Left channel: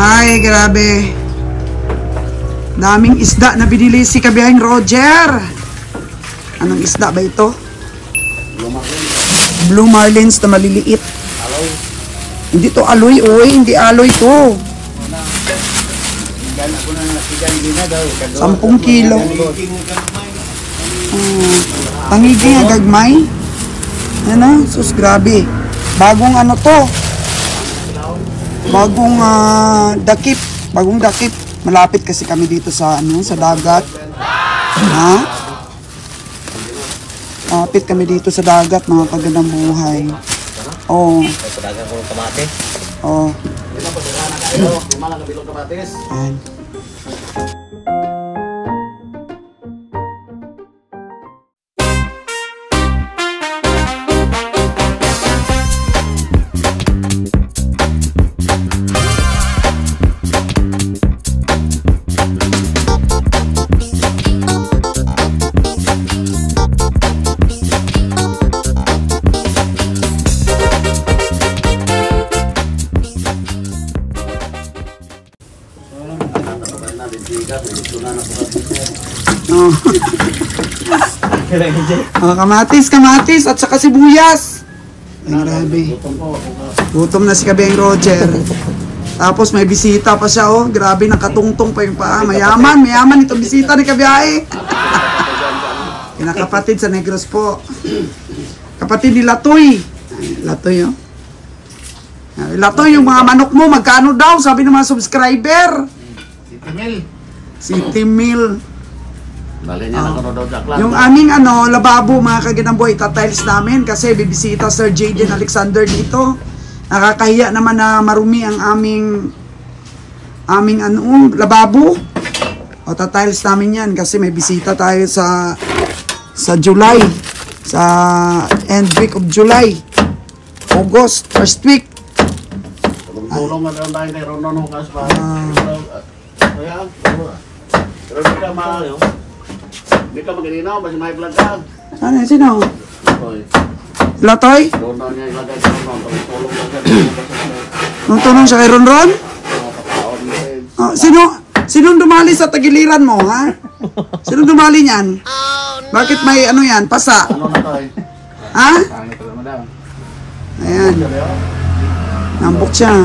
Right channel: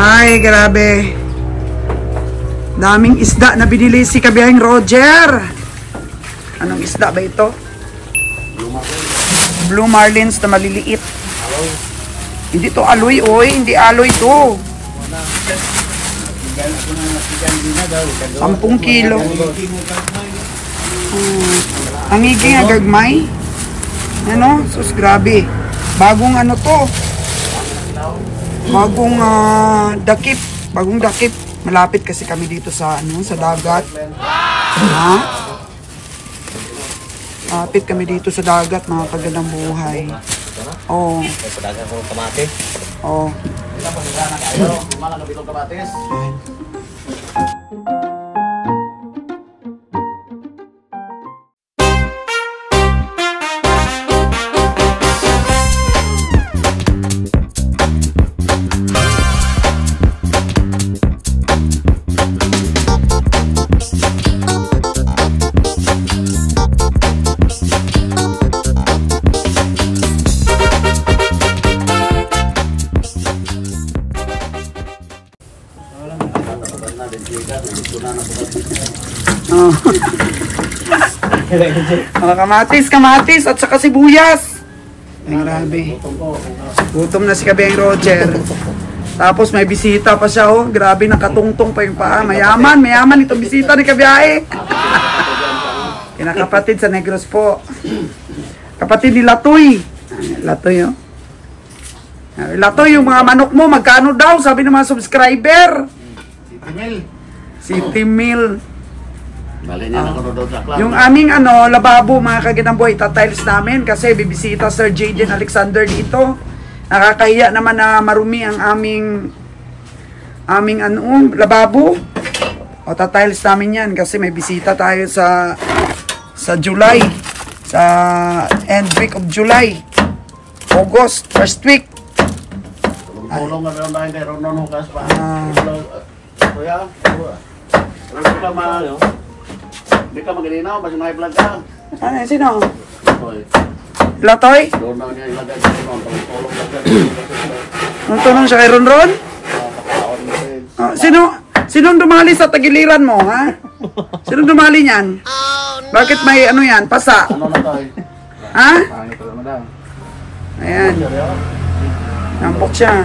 Ay, grabe. Daming isda na binili si Kabiyahing Roger. Anong isda ba ito? Blue Marlins na maliliit. Hindi to aloy, oy. Hindi aloy to. 10 kilo. Tangigi nga gagmay. Ano? Sus, grabe. Bagong ano to. Bagong dakip. Bagong dakip. Malapit kasi kami dito sa ano, sa dagat. Ha? Malapit kami dito sa dagat, mga kagandang buhay. Oh. Padagan ko ng kamate. Oh. Ayan. Oh. Kamatis at saka sibuyas. Ay, grabe. Gutom na si Kabiyahing Roger. Tapos may bisita pa siya, oh. Grabe, nakatungtong pa yung paa. Mayaman itong bisita ni Kabiyahe. Kinakapatid sa Negros po. Kapatid ni Latoy. Latoy, oh. Latoy, yung mga manok mo, magkano daw? Sabi ng mga subscriber. City Mill. Yung aming ano, lababo, mga kagandang buhay, tatiles namin kasi bibisita Sir Jaden Alexander dito. Nakakahiya naman na marumi ang aming ano, lababo. O tatiles namin yan kasi may bisita tayo sa July, sa end week of July, August, first week. Tulong na daw tayo kay Ronon Hukas pa. Pero di ka maganinaw, basta may vlog ka. Ano, sino? Latoy? Nung tulong siya kay Ronron? Sinong dumali sa tagiliran mo, ha? Sinong dumali niyan? Bakit may ano yan, pasa? Ha? Ayan. Nambok siya.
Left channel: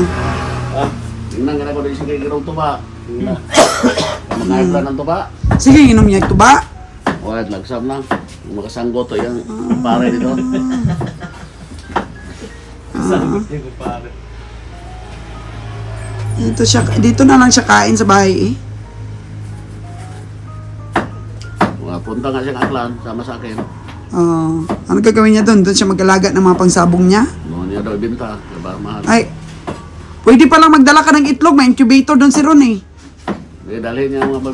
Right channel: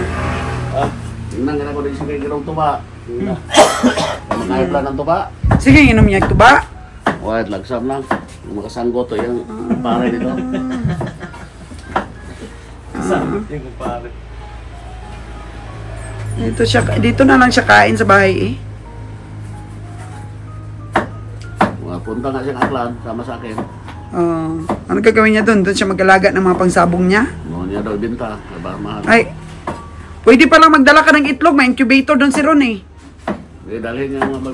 Tingnan nga na ko din siya kay Girong Tuba. Mag-aibla ng tuba. Sige, inom niya yung tuba. Wait, lagsam lang. Makasanggo to yung pare dito. Sanggot yung pare. Dito na lang siya kain sa bahay, eh. Mga punta nga siyang aklan, sama sa akin. Ano gagawin niya doon? Doon siya mag-alaga ng mga pangsabong niya? Noon niya daw ibinta. Mahal. Ay, pwede palang magdala ka ng itlog. May incubator doon si Ron, eh.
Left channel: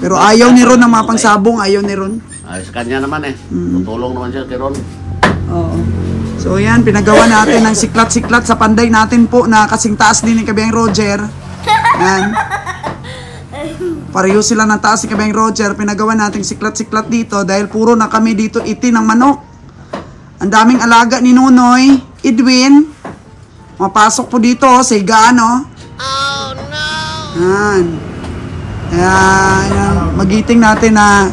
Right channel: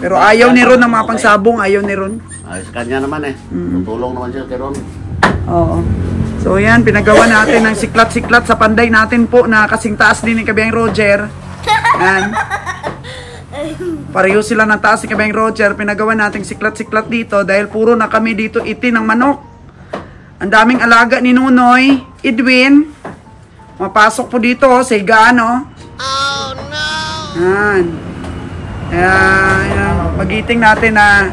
Pero ayaw ni Ron ng mga pangsabong, ayaw ni Ron. Ay, sa kanya naman eh. Tutulong naman siya kay Ron. Oo. So yan, pinagawa natin ng siklat-siklat sa panday natin po na kasing taas din ni Kabiyahing Roger. Yan. Pareho sila ng taas ni Kabiyahing Roger. Pinagawa natin siklat-siklat dito dahil puro na kami dito itin ng manok. Ang daming alaga ni Nonoy, Edwin. Mapasok po dito, siga, no? Oh no! Yan. Kaya, magiting natin na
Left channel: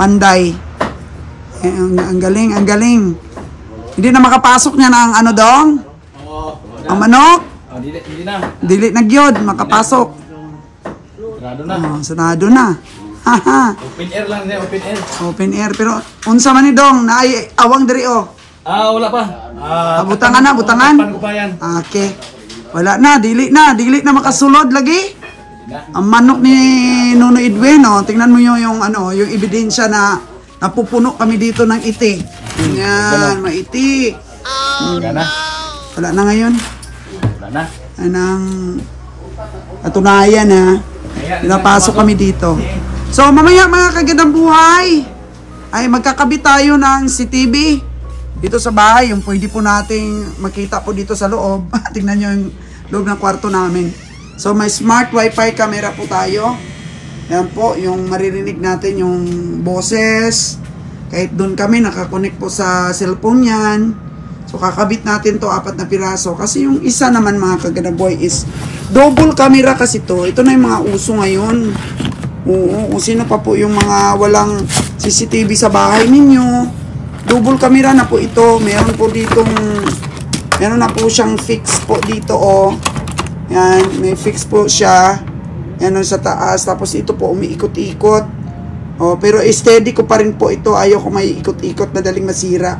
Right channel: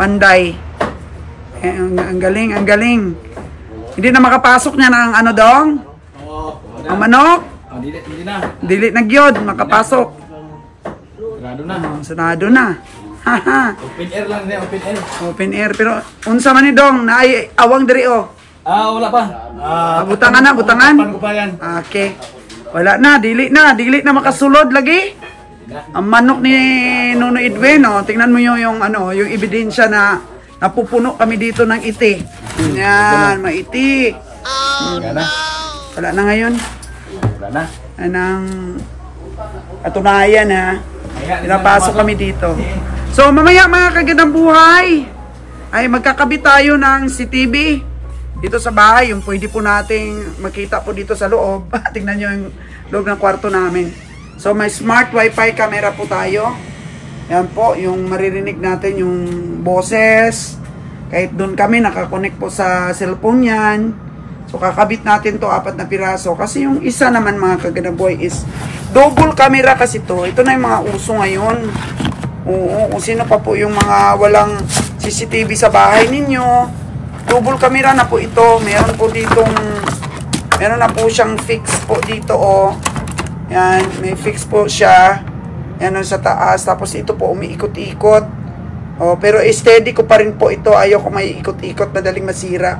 panday. Ang galing, ang galing. Hindi na makapasok niya ng ano dong? Ang manok? Hindi na. Dili na gyud makapasok. Sarado na. Sarado na. Haha. Open air lang niya, open air. Open air, pero unsa man ni dong na ay awang diri, oh. Wala pa. Butangan na, butangan. Pan ko pa yan. Okay. Wala na, dili na makasulod lagi. Ang manok ni Nuno Edwin, oh, tingnan mo yung ano, yung ebidensya na napupuno kami dito ng iti. Yan, maiti. Wala na ngayon. Wala na. Anang katunayan, ha. Pinapasok kami dito. So mamaya, mga kagandang buhay, ay magkakabit tayo ng CCTV dito sa bahay. Yung pwede po nating makita po dito sa loob. Tingnan nyo yung loob ng kwarto namin. So may smart wifi camera po tayo. Yan po, yung maririnig natin yung boses. Kahit doon kami nakakonect po sa cellphone yan. So kakabit natin to 4 na piraso. Kasi yung isa naman, mga kagandang buhay, is double camera kasi to. Ito na yung mga uso ngayon. Oo, kung sino pa po yung mga walang CCTV sa bahay ninyo, double camera na po ito. Meron na po siyang fix po dito, oh. Yan, may fix po siya. Yan, sa taas. Tapos ito po, umiikot-ikot. Oh, pero steady ko pa rin po ito. Ayaw ko may ikot-ikot, madaling masira.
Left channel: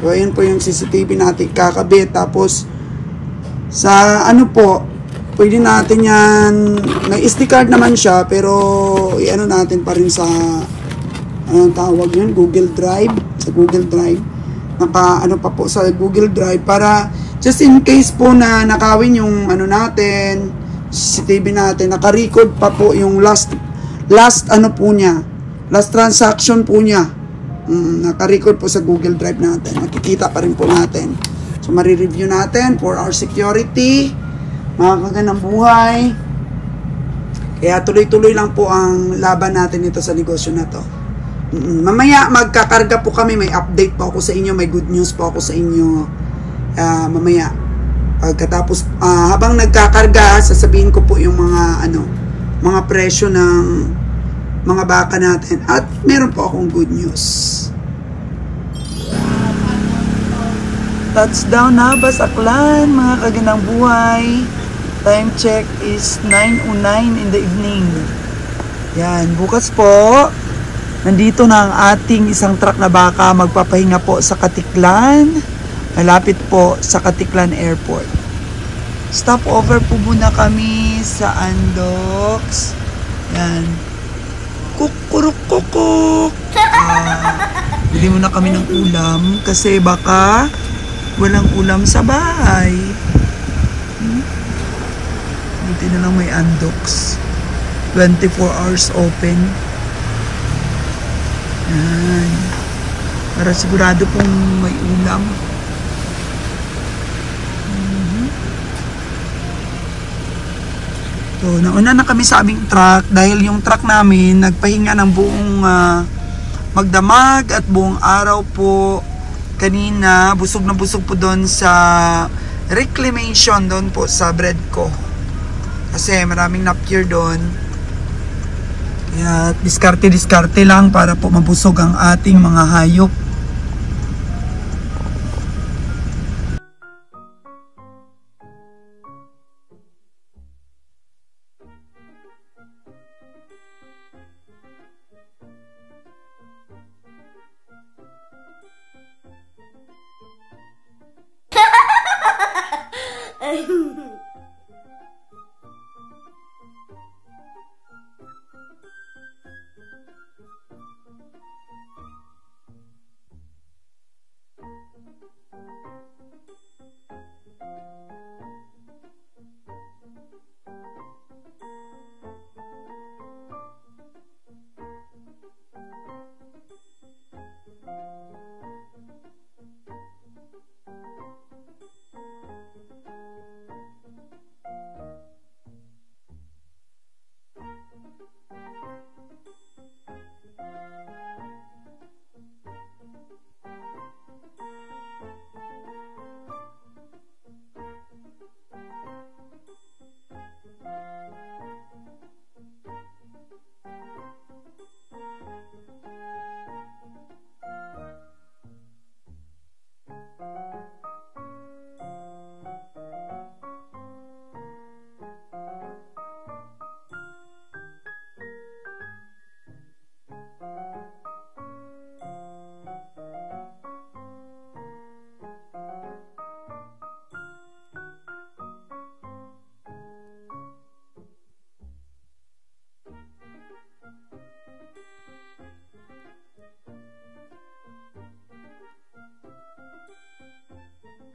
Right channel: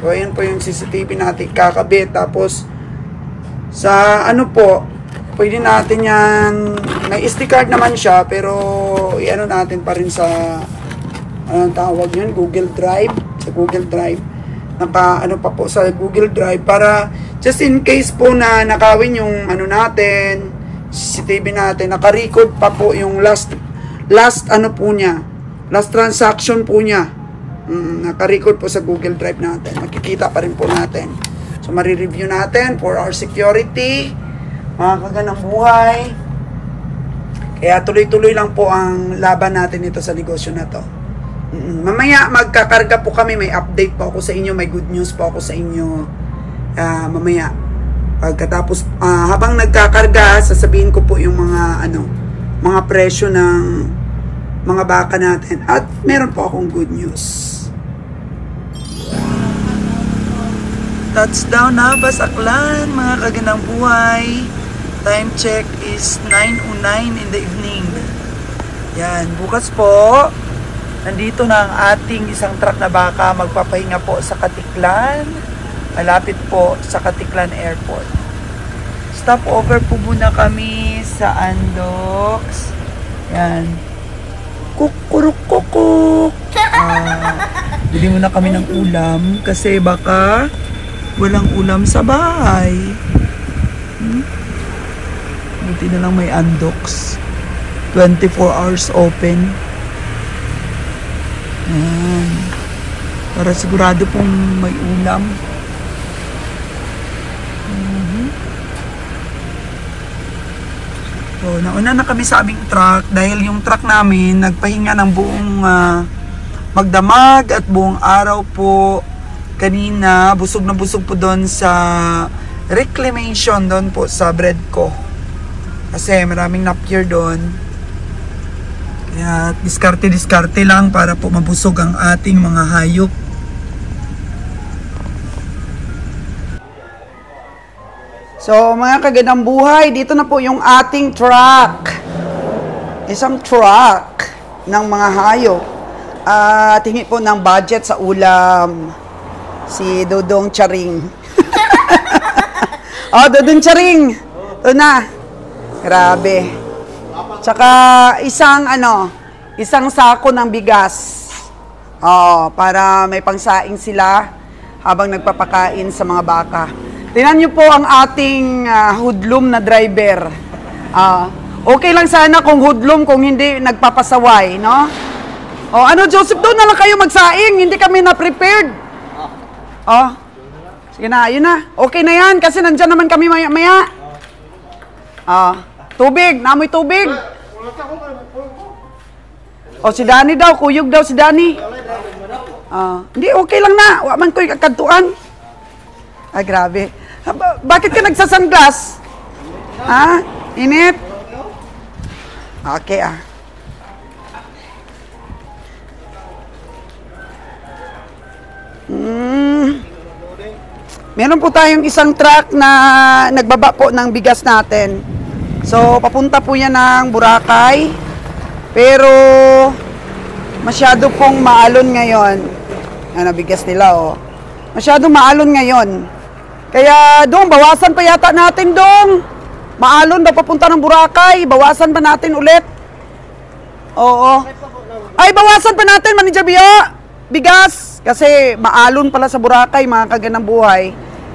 So, ayan po yung CCTV natin kakabit. Tapos, sa ano po, pwede natin yan, may SD card naman siya, pero i-ano natin pa rin sa, anong tawag yun, Google Drive. Sa Google Drive. Ano pa po sa Google Drive para just in case po na nakawin yung ano natin, CCTV natin, naka-record pa po yung last ano po niya, last transaction po niya. Naka-record po sa Google Drive natin. Makikita pa rin po natin. So, mari-review natin for our security, mga kagandang buhay. Kaya tuloy-tuloy lang po ang laban natin ito sa negosyo na to. Mamaya magkakarga po kami, may update po ako sa inyo, may good news po ako sa inyo mamaya. Pagkatapos habang nagkakarga, sasabihin ko po yung mga presyo ng mga baka natin. At meron po akong good news. Touchdown na Basaklan, mga kagandang buhay. Time check is 9:09 in the evening. Yan, bukas po nandito na ang ating isang truck na baka magpapahinga po sa Katiklan. Malapit po sa Katiklan Airport. Stop over po muna kami sa Andox. Yan. Kukuruk-kukuk. Bili muna kami ng ulam kasi baka walang ulam sa bahay. Buti na lang may Andox. 24 hours open. Yan. Para sigurado pong may ulam. So, nauna na kami sa aming truck dahil yung truck namin nagpahinga ng buong magdamag at buong araw po kanina. Busog na busog po doon sa reclamation doon po sa Breadco. Kasi maraming napier doon. Kaya diskarte-diskarte lang para po mabusog ang ating mga hayop. So mga kagandang buhay, dito na po yung ating truck. Isang truck ng mga hayop. Tingin po ng budget sa ulam. Si Dodong Charing. Oh, Dodong Charing. Ito na. Grabe. Tsaka isang sako ng bigas. Oh, para may pangsaing sila habang nagpapakain sa mga baka. Tingnan niyo po ang ating hoodlum na driver. Okay lang sana kung hoodlum, kung hindi nagpapasaway, no? Oh, Joseph, doon na lang kayo magsaing, hindi kami na-prepared. Oh. Sige na, yun na. Okay na yan kasi nandyan naman kami maya-maya. Tubig, namoy tubig. O si Danny daw, kuyog daw si Danny. Hindi, okay lang na. Waman ko'y kakantuan. Ay, grabe. Bakit ka nagsasunglass? Init? Okay, Meron po tayong isang truck na nagbaba po ng bigas natin. So, papunta po yan ng Boracay. Pero, masyado pong maalon ngayon. Bigas nila, oh. Masyado maalon ngayon. Kaya, doon, bawasan pa yata natin, doon. Maalon daw papunta ng Boracay. Bawasan pa natin ulit. Oo. Ay, bawasan pa natin, Manager Bio. Bigas. Kasi, maalon pala sa Boracay, mga kagandang buhay.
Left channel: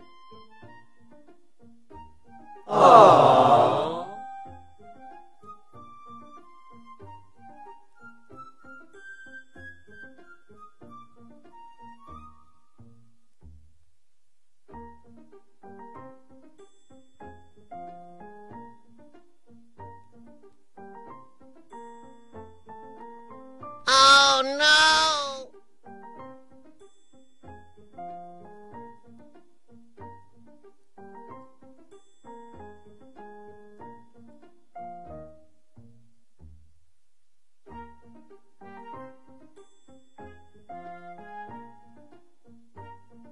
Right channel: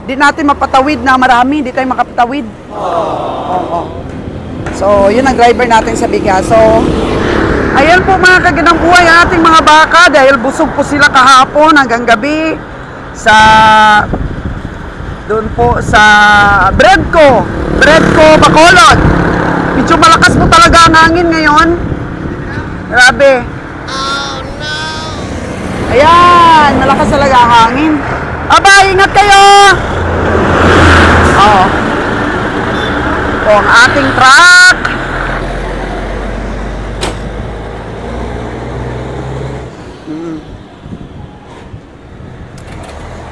Di natin mapatawid na marami. Di tayo makapatawid. So, yun ang driver natin sa bigas. So, ayan po mga kagandang buhay ating mga baka dahil busog po sila kahapon hanggang gabi sa doon po sa Breadco Bacolod. Medyo malakas po talaga ang hangin ngayon. Grabe. Oh no. Ayan, malakas talaga ang hangin. Aba, ingat kayo. Ito ang ating truck.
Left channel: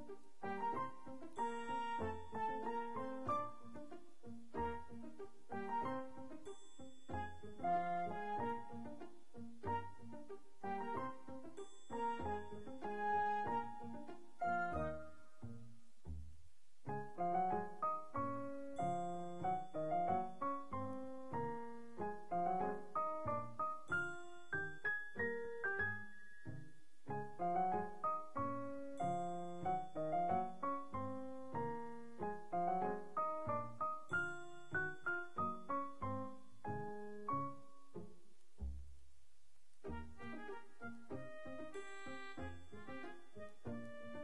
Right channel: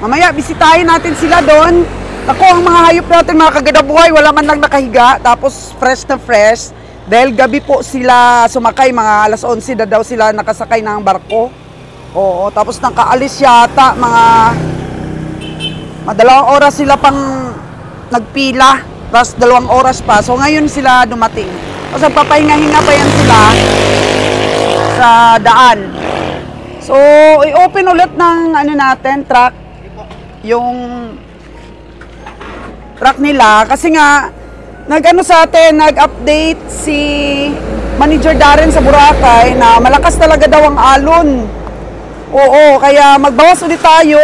Mamaya, bisitahin natin sila doon. Ako, ang mga hayop natin, mga kaganabuhay, wala man lang nakahiga. Tapos, fresh na fresh. Dahil gabi po sila sumakay, mga alas 11 na daw sila nakasakay ng barko. Oo, tapos nakaalis yata, mga madalawang oras sila pang nagpila. Tapos 2 oras pa. So, ngayon sila dumating. Tapos, papahinga-hinga pa yan sila sa daan. So, i-open ulit ng ano natin, truck. Yung truck nila kasi nga nag-ano sa atin, nag-update si Manager Darren sa Boracay na malakas talaga daw ang alon. Oo, kaya magbawas ulit tayo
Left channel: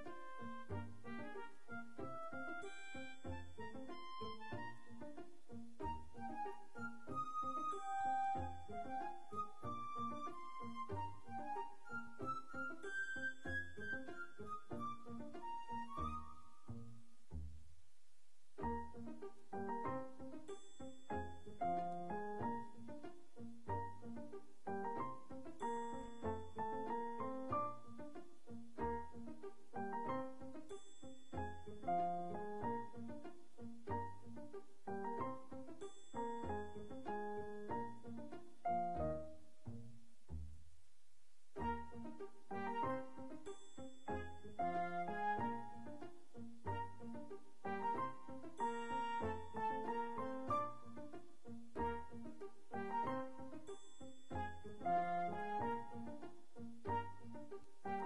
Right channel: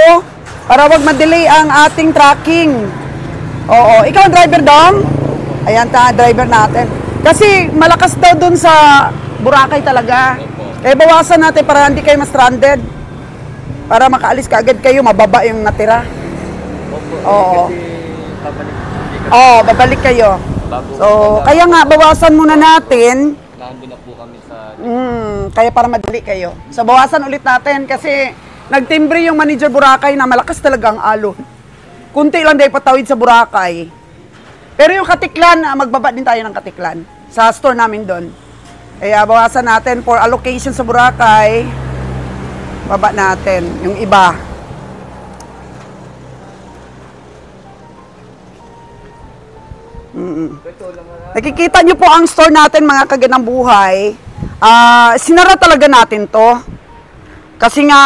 para wag ma-delay ang ating tracking. Oo, ikaw ang driver, Dom? Ayan ta, driver natin. Kasi malakas daw dun sa Boracay talaga. Kaya bawasan natin para hindi kayo ma-stranded. Para makaalis ka agad kayo, mababa yung natira. Oo. Oo, babalik kayo. So, kaya nga, bawasan muna natin. Nandun na po kami sa... Kaya para madali kayo. So, bawasan ulit natin kasi nagtimbre yung Manager Boracay na malakas talaga ang alon. Kunti lang dahil patawid sa Boracay. Pero yung Katiklan, magbaba din tayo ng Katiklan. Sa store namin doon. Kaya bawasan natin for allocation sa Boracay. Baba natin yung iba. Nakikita nyo po ang store natin, mga kaganang buhay. Sinara talaga natin to. Kasi nga,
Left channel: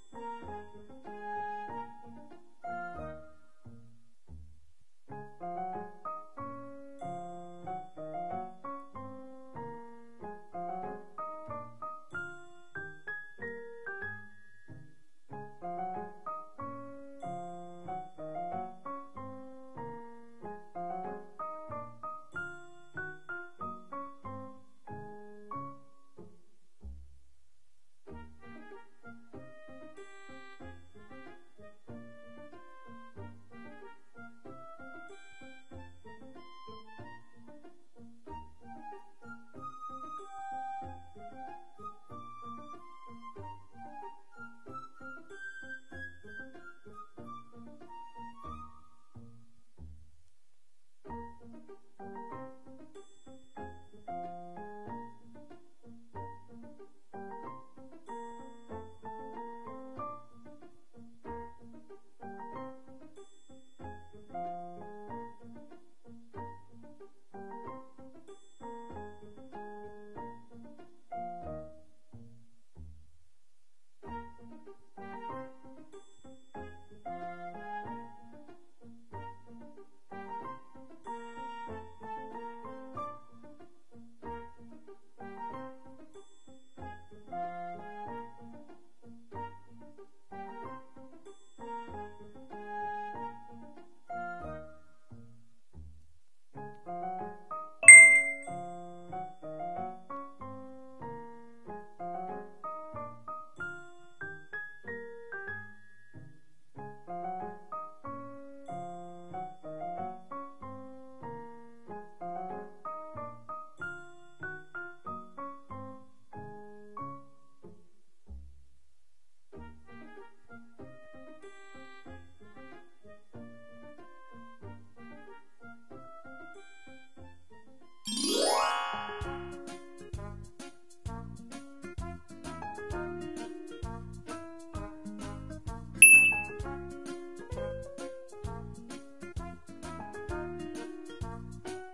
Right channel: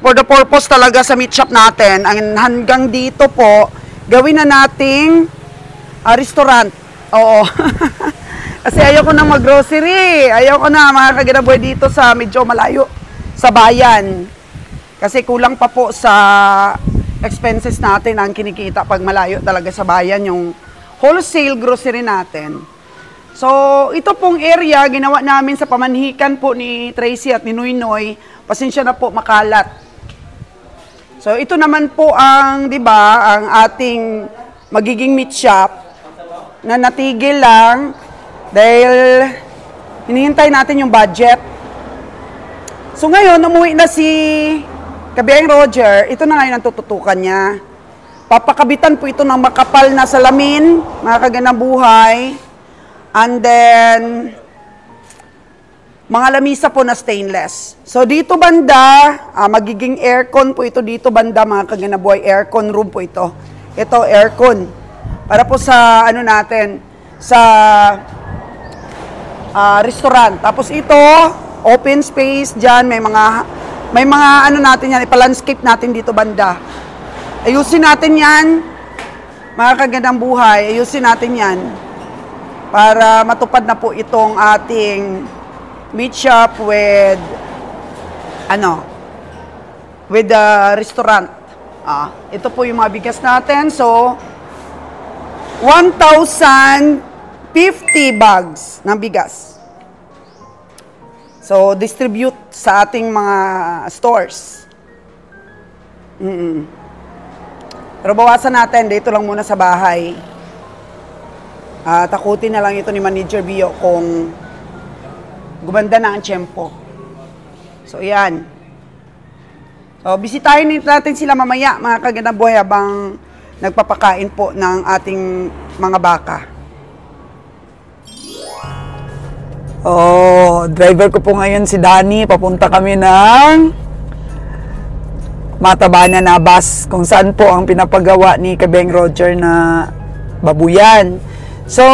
for the purpose talaga sa meat shop natin, ang hanggang dito po, gawin na nating restaurant. Oo. Kasi ayoko na mag-grocery. Ayoko na, mga kaganang buhay, dito sa medyo malayo. Sa bayan. Kasi kulang pa po sa expenses natin ang kinikita pag malayo talaga sa bayan yung wholesale grocery natin. So, ito pong area, ginawa namin sa pamanhikan po ni Tracy at ni Noynoy. Pasensya na po, makalat. So, ito naman po ang, di ba, ang ating magiging meat shop na natigil lang dahil hinihintay natin yung budget. So ngayon, umuwi na si Kabiyang Roger, ito na ngayon ang tututukan niya. Papakabitan po ito ng makapal na salamin, mga kaganang buhay. And then, mga lamisa po na stainless. So dito banda, magiging aircon po ito dito banda, mga kaganang buhay. Aircon room po ito. Ito, aircon. Para po sa, ano natin, sa restaurant. Tapos ito, open space dyan, may mga ano natin yan, ipa-landscape natin dito banda. Ayusin natin yan, mga kagandang buhay, ayusin natin yan para matupad na po itong ating meat shop with with the restaurant. Ito po yung mga bigas natin. So, 1,050 bags ng bigas. So, distribute sa ating mga stores. Pero bawasan natin, dito lang muna sa bahay. Takutin na lang ito ni Manager Bio kung gumanda na ang tiyempo. So, yan. So, bisitahin natin sila mamaya, mga kagandang buhay, habang nagpapakain po ng ating mga baka. Oh, driver ko po ngayon si Danny. Papunta kami ng Matabanan na bus kung saan po ang pinapagawa ni Kabeng Roger na babuyan. So,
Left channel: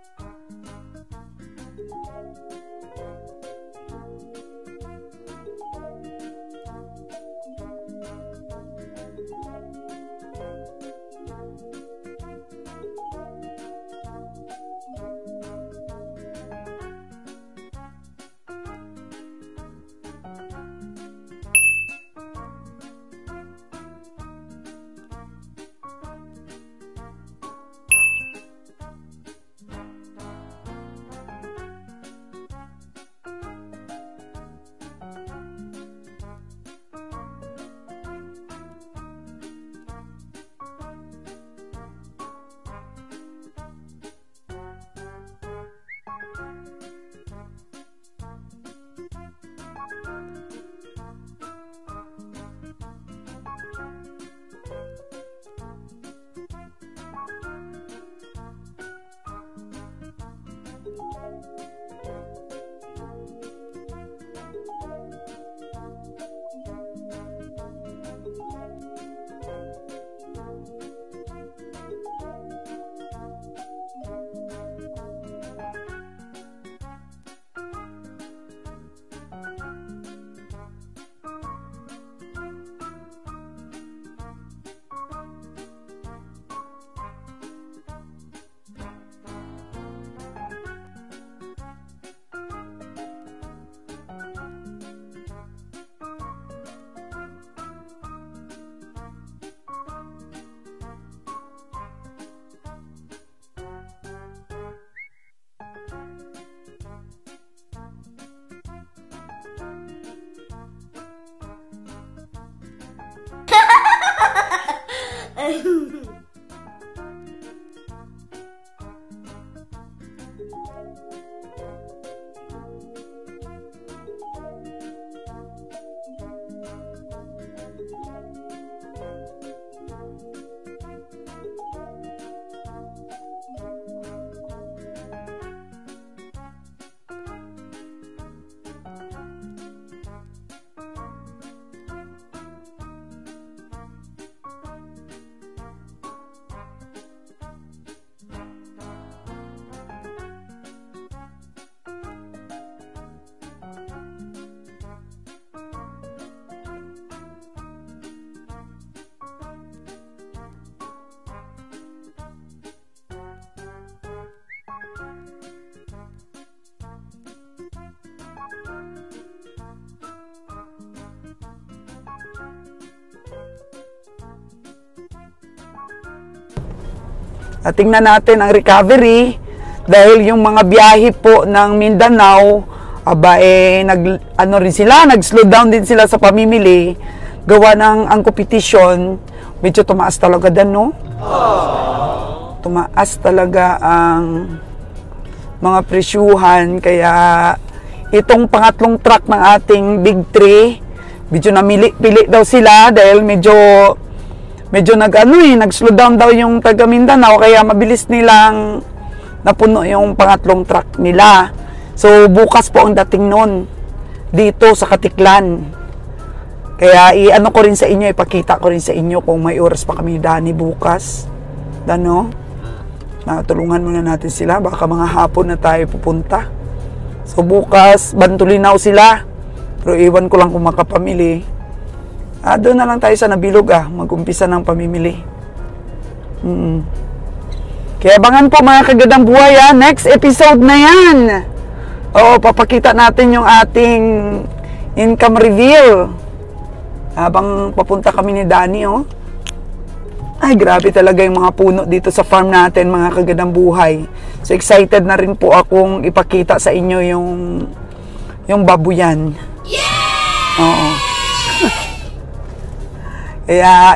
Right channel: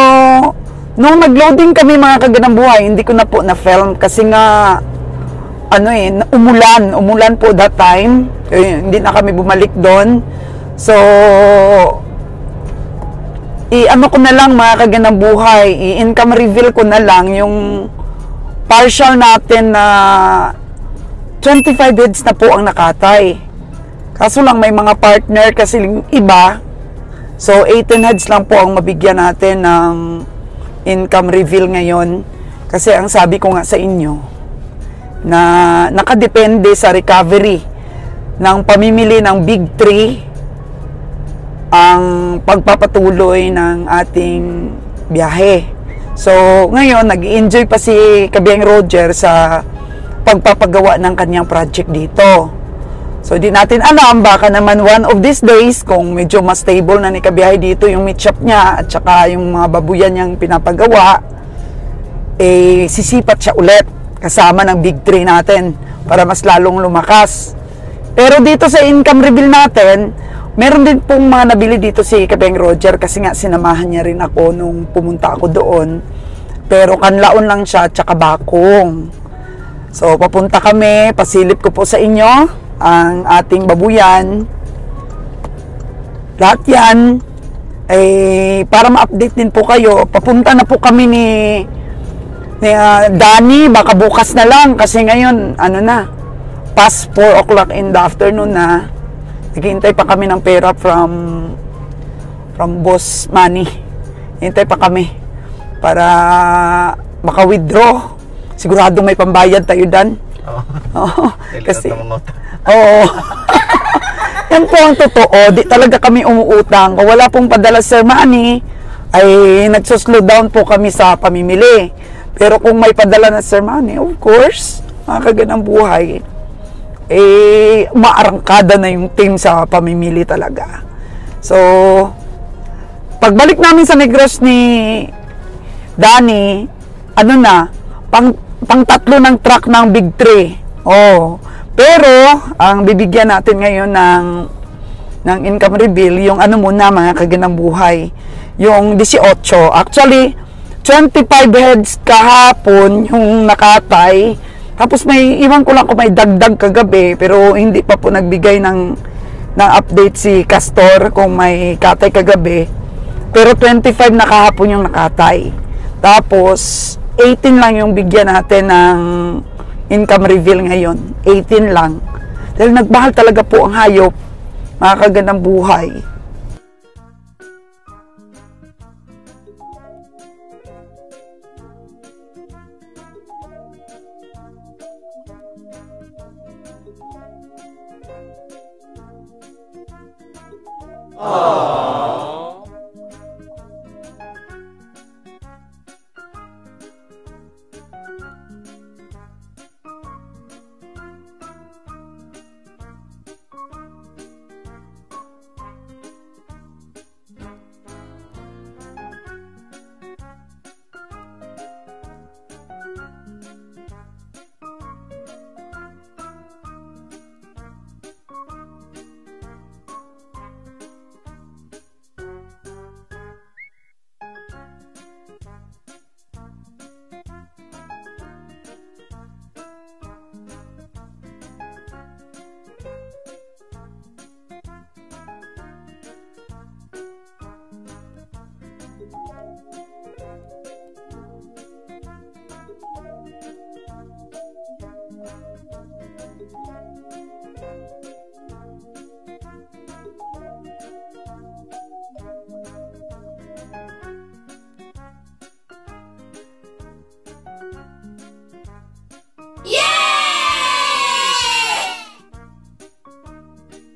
nung nag-loading kami, mga kagandang buhay, hindi ko na po na-film kasi nga umulan po that time. Hindi na kami bumalik doon. So, i-ano ko na lang, mga kagandang buhay, i-income reveal ko na lang yung partial natin na 25 heads na po ang nakatay. Kaso lang may mga partner kasi iba. So 18 heads lang po ang mabigyan natin ng income reveal ngayon. Kasi ang sabi ko nga sa inyo na nakadepende sa recovery ng pamimili ng Big 3 ang pagpapatuloy ng ating biyahe. So, ngayon, nag-enjoy pa si Kabiyang Roger sa pagpapagawa ng kanyang project dito. So, di natin alam, baka naman one of these days, kung medyo mas stable na ni Kabiyahe dito yung meat shop niya at saka yung mga babuyan niyang pinapagawa, eh, sisipat siya ulit kasama ng big three natin para mas lalong lumakas. Pero dito sa income reveal natin, meron din pong mga nabili dito si Kabeng Roger kasi nga sinamahan niya rin ako nung pumunta ako doon. Pero kanlaon lang siya at saka bakong. So, papunta kami, pasilip ko po sa inyo ang ating babuyan. Lahat yan, para ma-update din po kayo, papunta na po kami ni Danny, baka bukas na lang kasi ngayon, past 4 o'clock in the afternoon na. Naghihintay pa kami ng pera from Boss Manny. Hintay pa kami para maka-withdraw. Siguradong may pambayad tayo dan. Oo. Kasi oo. Yan po ang totoo. Di talaga kami umuutang. Kung wala pong padala Sir Manny, ay nagsuslow down po kami sa pamimili. Pero kung may padala na Sir Manny, of course, mga kaganang buhay, maarangkada na yung team sa pamimili talaga. So, pagbalik namin sa Negros ni Danny, pang tatlo ng truck ng Big 3. Oh. Pero, ang bibigyan natin ngayon ng income reveal, yung muna mga kaganang buhay, yung 18. Actually, 25 heads kahapon yung nakatay. Tapos may, iwan ko lang kung may dagdag kagabi, pero hindi pa po nagbigay ng update si Castor kung may katay kagabi. Pero 25 na kahapon yung nakatay. Tapos, 18 lang yung bigyan natin ng income reveal ngayon. 18 lang. Dahil nagmahal talaga po ang hayop, mga kaganang buhay. At tingnan natin ang recovery, dahil yung mga biyahe po ng Mindanao, nag-slow down din sila sa pamimili, gawa ng ang competition, medyo tumaas talaga dan, no? Tumaas talaga ang mga presyuhan, kaya itong pangatlong truck ng ating Big 3, medyo namili-pili daw sila dahil medyo nag-slow down daw yung taga Mindanao, kaya mabilis nilang napuno yung pangatlong truck nila. So, bukas po ang dating nun dito sa Katiklan. Kaya ko rin sa inyo, ipakita ko rin sa inyo kung may oras pa kami Danny bukas. Tulungan muna natin sila, baka mga hapon na tayo pupunta. So, bukas, Bantulinaw sila. Pero iwan ko lang kung makapamili. Doon na lang tayo sa Nabilog, mag-umpisa ng pamimili. Kaya abangan po mga kagadang buhay, next episode na yan. Oo, papakita natin yung ating income reveal. Habang papunta kami ni Danny, Ay, grabe talaga yung mga puno dito sa farm natin, mga kagadang buhay. So, excited na rin po akong ipakita sa inyo yung babuyan. Yeah! Oo. Kaya,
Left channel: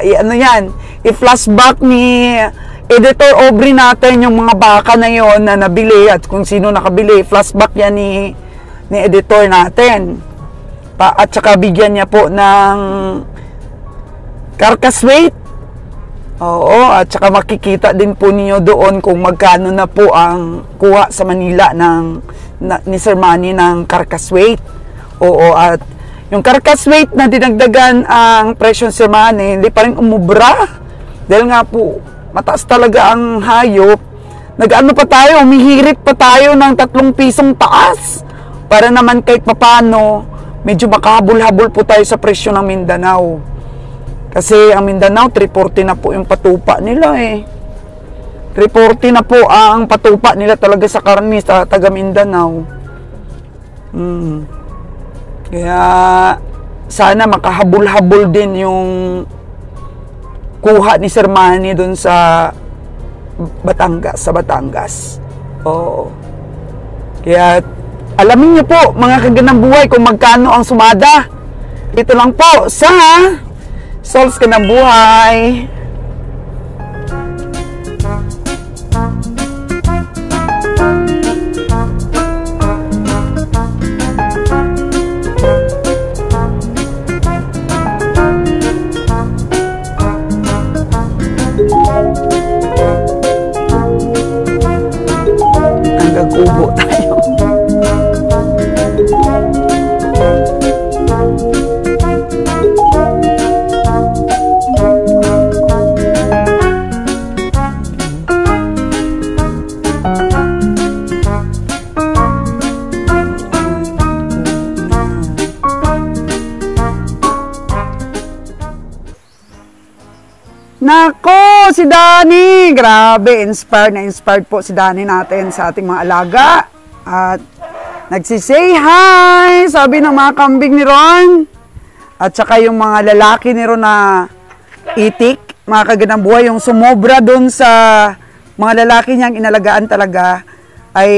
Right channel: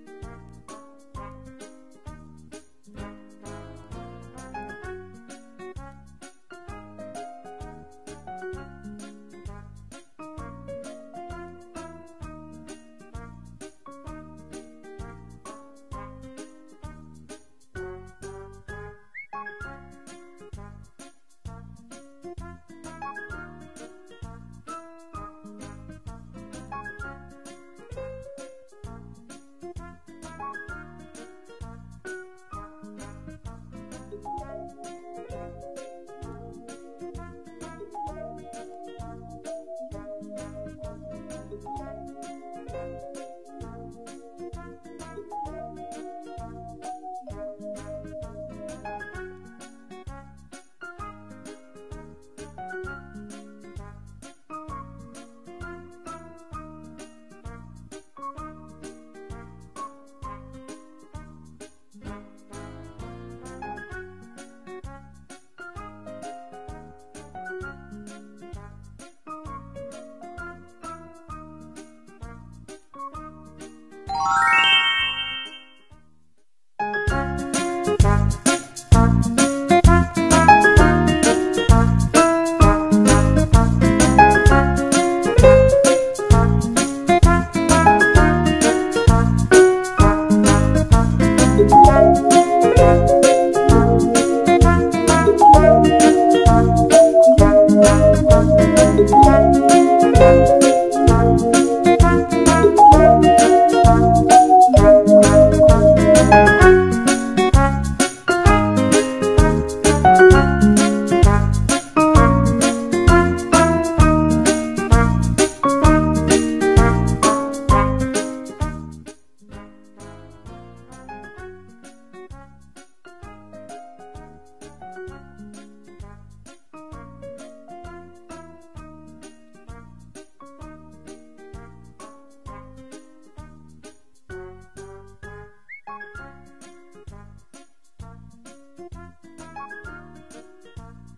i-flashback ni Editor Aubrey natin yung mga baka na yon na nabili at kung sino nakabili. Flashback yan ni editor natin. At saka bigyan niya po ng carcass weight. Oo, at saka makikita din po niyo doon kung magkano na po ang kuha sa Manila ni Sir Manny ng carcass weight. Oo, at yung carcass weight na dinagdagan ang presyo ni Sir Manny, hindi pa rin umubra. Dahil nga po, mataas talaga ang hayop. Humihirit pa tayo ng 3 pisong taas. Para naman kahit papano, medyo makahabol-habol po tayo sa presyo ng Mindanao. Kasi ang Mindanao, 340 na po yung patupa nila 340 na po ang patupa nila talaga sa karne sa taga Mindanao. Kaya, sana makahabol-habol din yung kuha ni Sir Manny doon sa Batangas. Oo. Kaya, alamin niyo po, mga kaganang buhay, kung magkano ang sumada. Ito lang po sa Solves Ka ng Buhay. si Danny. Grabe, inspired po si Danny natin sa ating mga alaga. At nagsisay hi, sabi ng mga kambing ni Ron. At saka yung mga lalaki ni Ron na itik, mga kagandang buhay, yung sumobra dun sa mga lalaki niyang inalagaan talaga, ay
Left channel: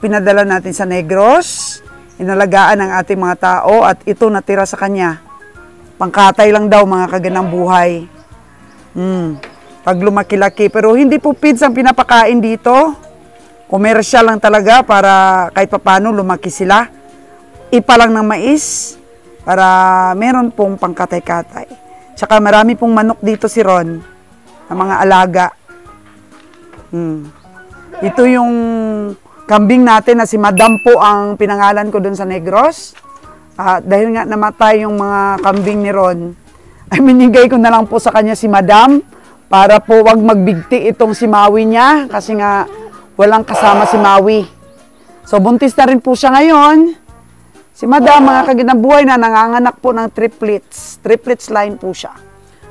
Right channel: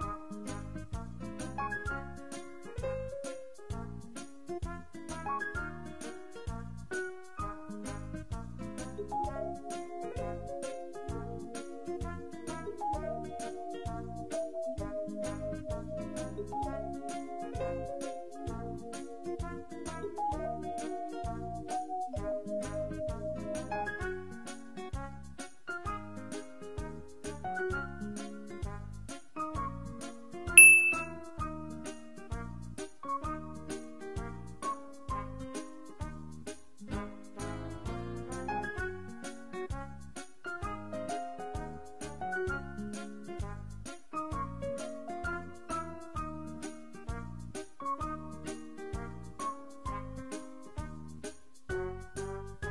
pinadala natin sa Negros. Inalagaan ng ating mga tao at ito natira sa kanya. Pangkatay lang daw, mga kagandang buhay. Pag lumaki-laki. Pero hindi po feeds ang pinapakain dito. Komersyal lang talaga para kahit papano lumaki sila. Ipa lang ng mais para meron pong pangkatay-katay. Tsaka marami pong manok dito si Ron, ang mga alaga. Ito yung kambing natin na si Madam po ang pinangalan ko dun sa Negros. Dahil nga namatay yung mga kambing ni Ron, ay minigay ko na lang po sa kanya si Madam para po wag magbigti itong si Maui niya kasi nga walang kasama si Maui. So buntis na rin po siya ngayon. Si Madam, mga kagandang buhay na nanganganak po ng triplets. Triplets line po siya.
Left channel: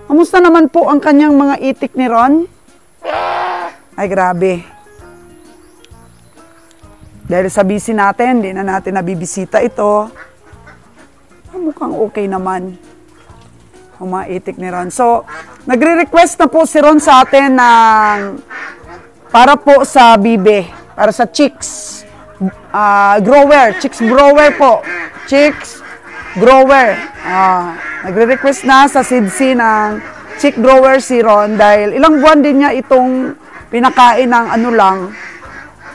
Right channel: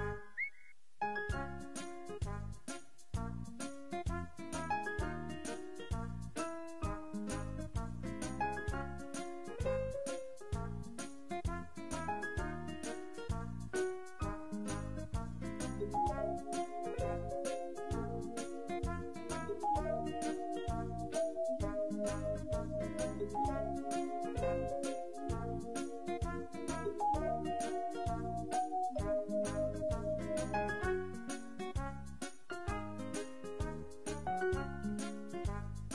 Kamusta naman po ang kanyang mga itik ni Ron? Ay grabe. Dahil sa busy natin, hindi na natin nabibisita ito. Mukhang okay naman ang mga itik ni Ron. So, nagre-request na po si Ron sa atin ng para po sa bibe, para sa chicks grower, chicks grower po. Chicks grower. Nagre-request na sa SIDC ng chick grower si Ron dahil ilang buwan din niya itong pinakain ng ano lang,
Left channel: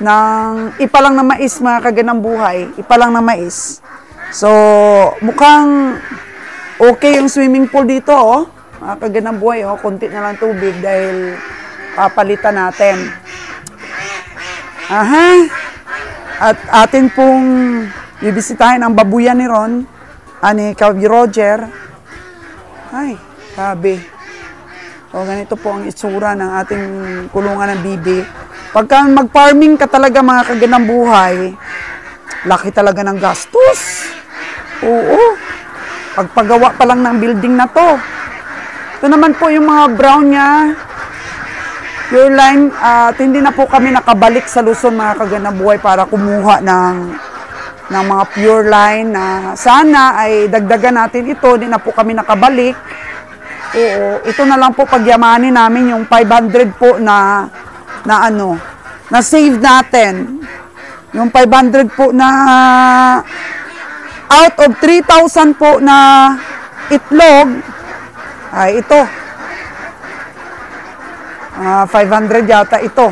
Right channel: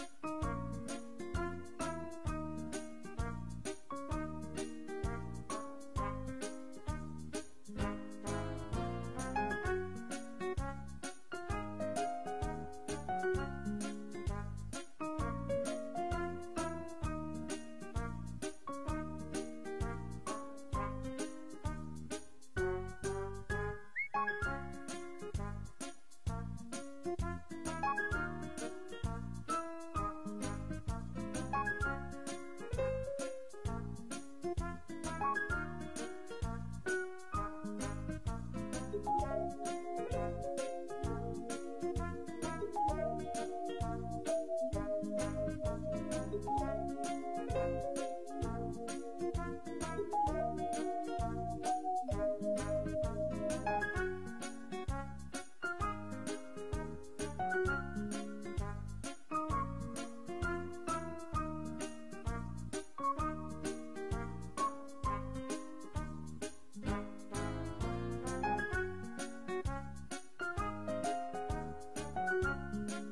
ng ipa lang na mais, mga kagandang buhay. Ipa lang na mais. So, mukhang okay yung swimming pool dito, oh. Mga kagandang buhay, oh. Kunti na lang tubig dahil papalitan natin. At atin pong bibisitahin ang babuyan ni Ron, ni Kabi Roger. Ay, sabi. O, ganito po ang itsura ng ating kulungan ng bibi. Pagka mag-farming ka talaga, mga kagandang buhay, laki talaga ng gastos. Oo. Pagpagawa pa lang ng building na to. Ito naman po yung mga brown niya. Pure line. At hindi na po kami nakabalik sa Luzon, mga kagandang buhay, para kumuha ng mga pure line na sana ay dagdagan natin ito. Hindi na po kami nakabalik. Oo. Ito na lang po pagyamanin namin yung 500 po na save natin. Yung 500 po na out of 3,000 po na itlog, ay ito. 500 yata ito.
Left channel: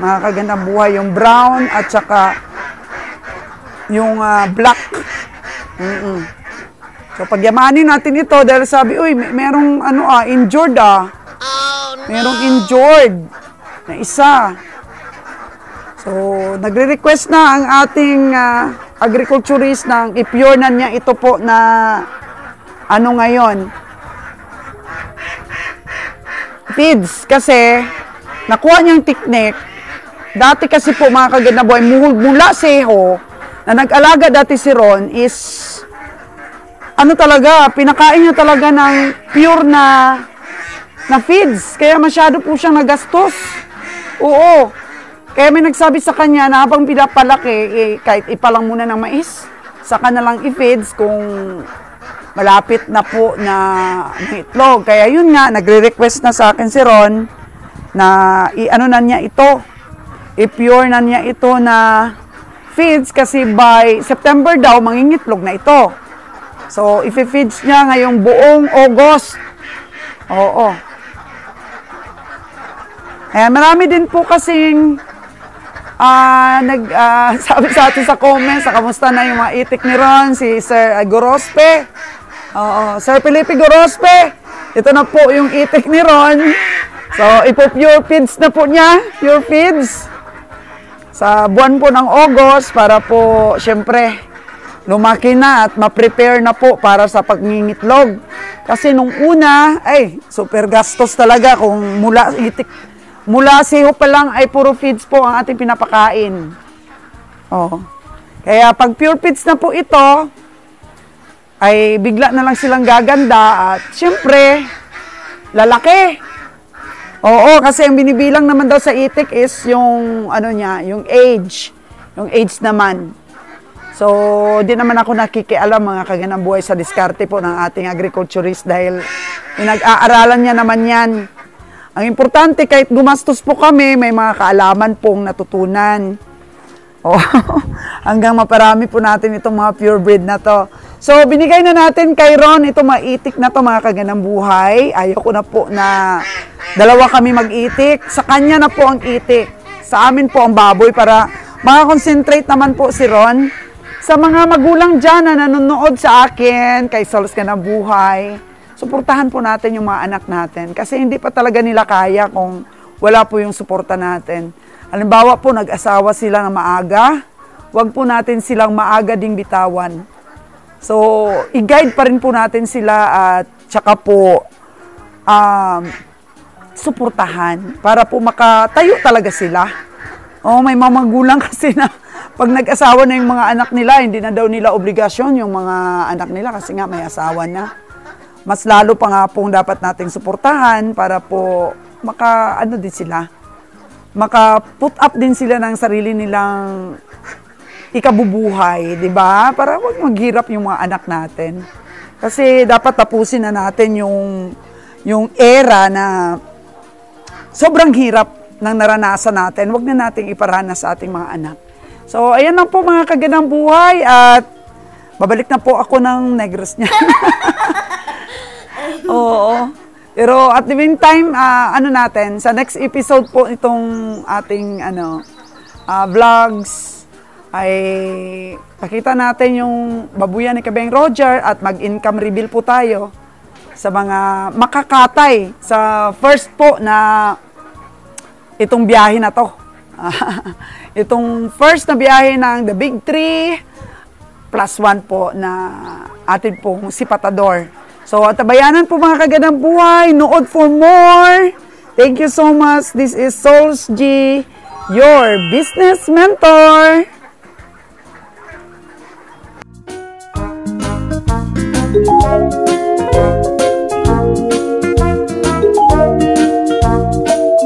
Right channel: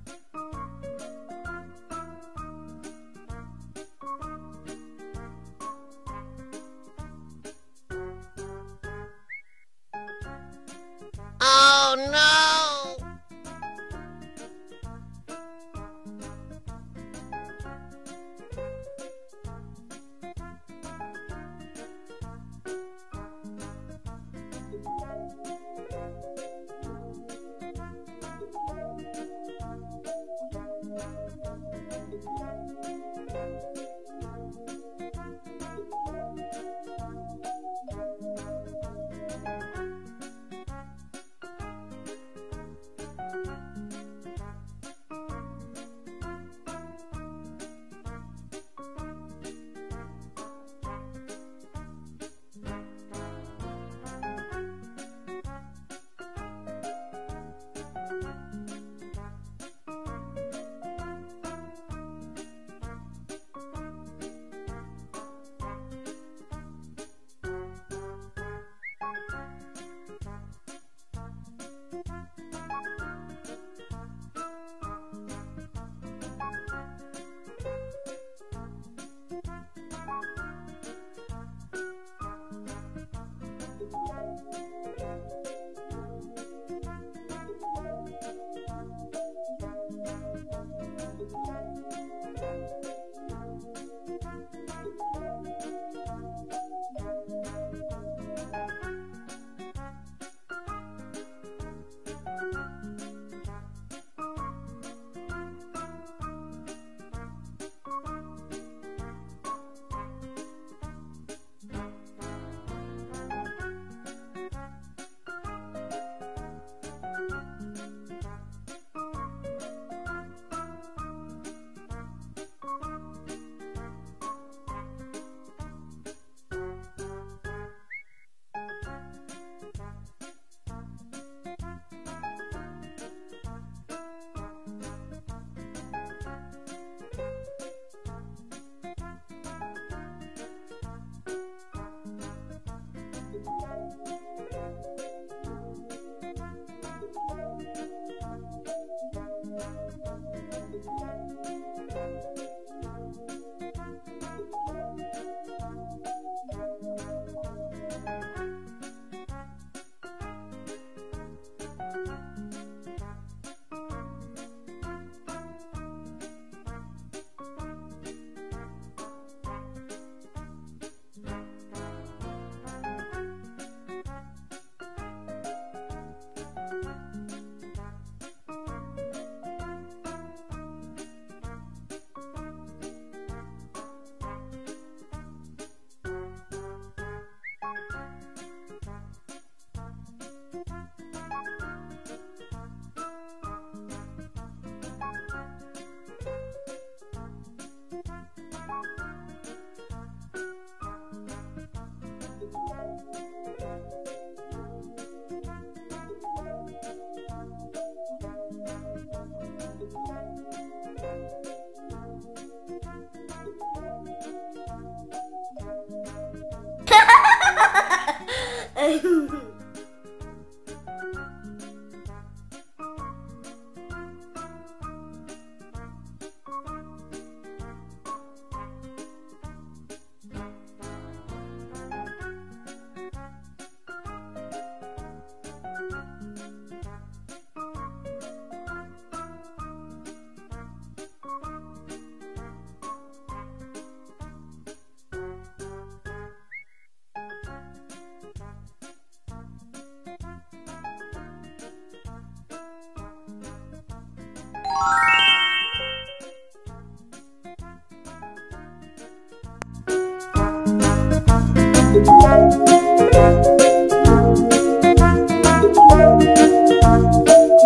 Mga kagandang buhay, yung brown at saka yung black. So pagyamanin natin ito dahil sabi, uy, merong injured Oh, no. Merong injured na isa. So, nagre-request na ang ating agriculturist ng i-pure na niya ito po na ngayon. Feeds kasi nakuha niyang technique. Dati kasi po, mga kagandang buhay, mula seho na nag-alaga dati si Ron is talaga, pinakain niya talaga ng pure na feeds. Kaya masyado po siyang nagastos. Oo. Kaya may nagsabi sa kanya na habang pinapalaki, kahit ipalang muna ng mais, saka na lang i-feeds kung malapit na po na itlog. Kaya yun nga, nagre-request na sa akin si Ron na na niya ito. I-pure na niya ito na feeds kasi by September daw, mangingitlog na ito. So, i-feeds niya ngayong buong August. Oo. Ayan, marami din po kasing sabi sa atin sa comments, kamusta na yung mga itik ni Ron, si Sir Gorospe. Oo, Sir Felipe Gorospe. Ito na po yung itik ni Ron. So, ipo-pure feeds na po niya. Pure feeds. Sa buwan po ng August para po, syempre, lumaki na at ma-prepare na po para sa pagningitlog. Kasi nung una, super gastos talaga kung mula siho pa lang ay puro feeds po ang ating pinapakain. Oh. Kaya pag pure feeds na po ito, ay bigla na lang silang gaganda at syempre, lalaki. Oo, kasi ang binibilang naman daw sa itik is yung ano niya, yung age. Yung age naman. So, di naman ako nakikialam mga kaganang buhay sa diskarte po ng ating agriculturist dahil pinag-aaralan niya naman yan. Ang importante, kahit gumastos po kami, may mga kaalaman pong natutunan. Oh, hanggang maparami po natin itong mga purebred na to. So, binigay na natin kay Ron itong maitik na to mga kaganang buhay. Ayoko na po na dalawa kami mag-itik. Sa kanya na po ang itik. Sa amin po ang baboy para makakonsentrate naman po si Ron. Sa mga magulang dyan na nanonood sa akin, kay Solos ka ng Buhay, suportahan po natin yung mga anak natin. Kasi hindi pa talaga nila kaya kung wala po yung suporta natin. Halimbawa po, nag-asawa sila na maaga, wag po natin silang maaga ding bitawan. So, i-guide pa rin po natin sila at tsaka po suportahan para po makatayo talaga sila. Oh, may mga magulang kasi na pag nag-asawa na yung mga anak nila, hindi na daw nila obligasyon yung mga anak nila kasi nga may asawa na. Mas lalo pa nga pong dapat nating suportahan para po din sila. Maka-put up din sila ng sarili nilang ikabubuhay, di ba? Para huwag maghirap yung mga anak natin. Kasi dapat tapusin na natin yung era na sobrang hirap ng naranasan natin. Huwag na nating iparanas sa ating mga anak. So, ayan lang po mga kaganang buhay at babalik na po ako ng Negros niya. Oo. Pero at the meantime, natin, sa next episode po itong ating vlogs ay pakita natin yung babuyan ni Kabeng Roger at mag-income reveal po tayo sa mga makakatay sa first po na itong biyahe na to. Itong first na biyahe ng The Big 3 plus 1 po na atin pong si Patador. So, tabayanan po mga kaganang buhay. Nood for more. Thank you so much. This is Souls G, your business mentor. Thank you.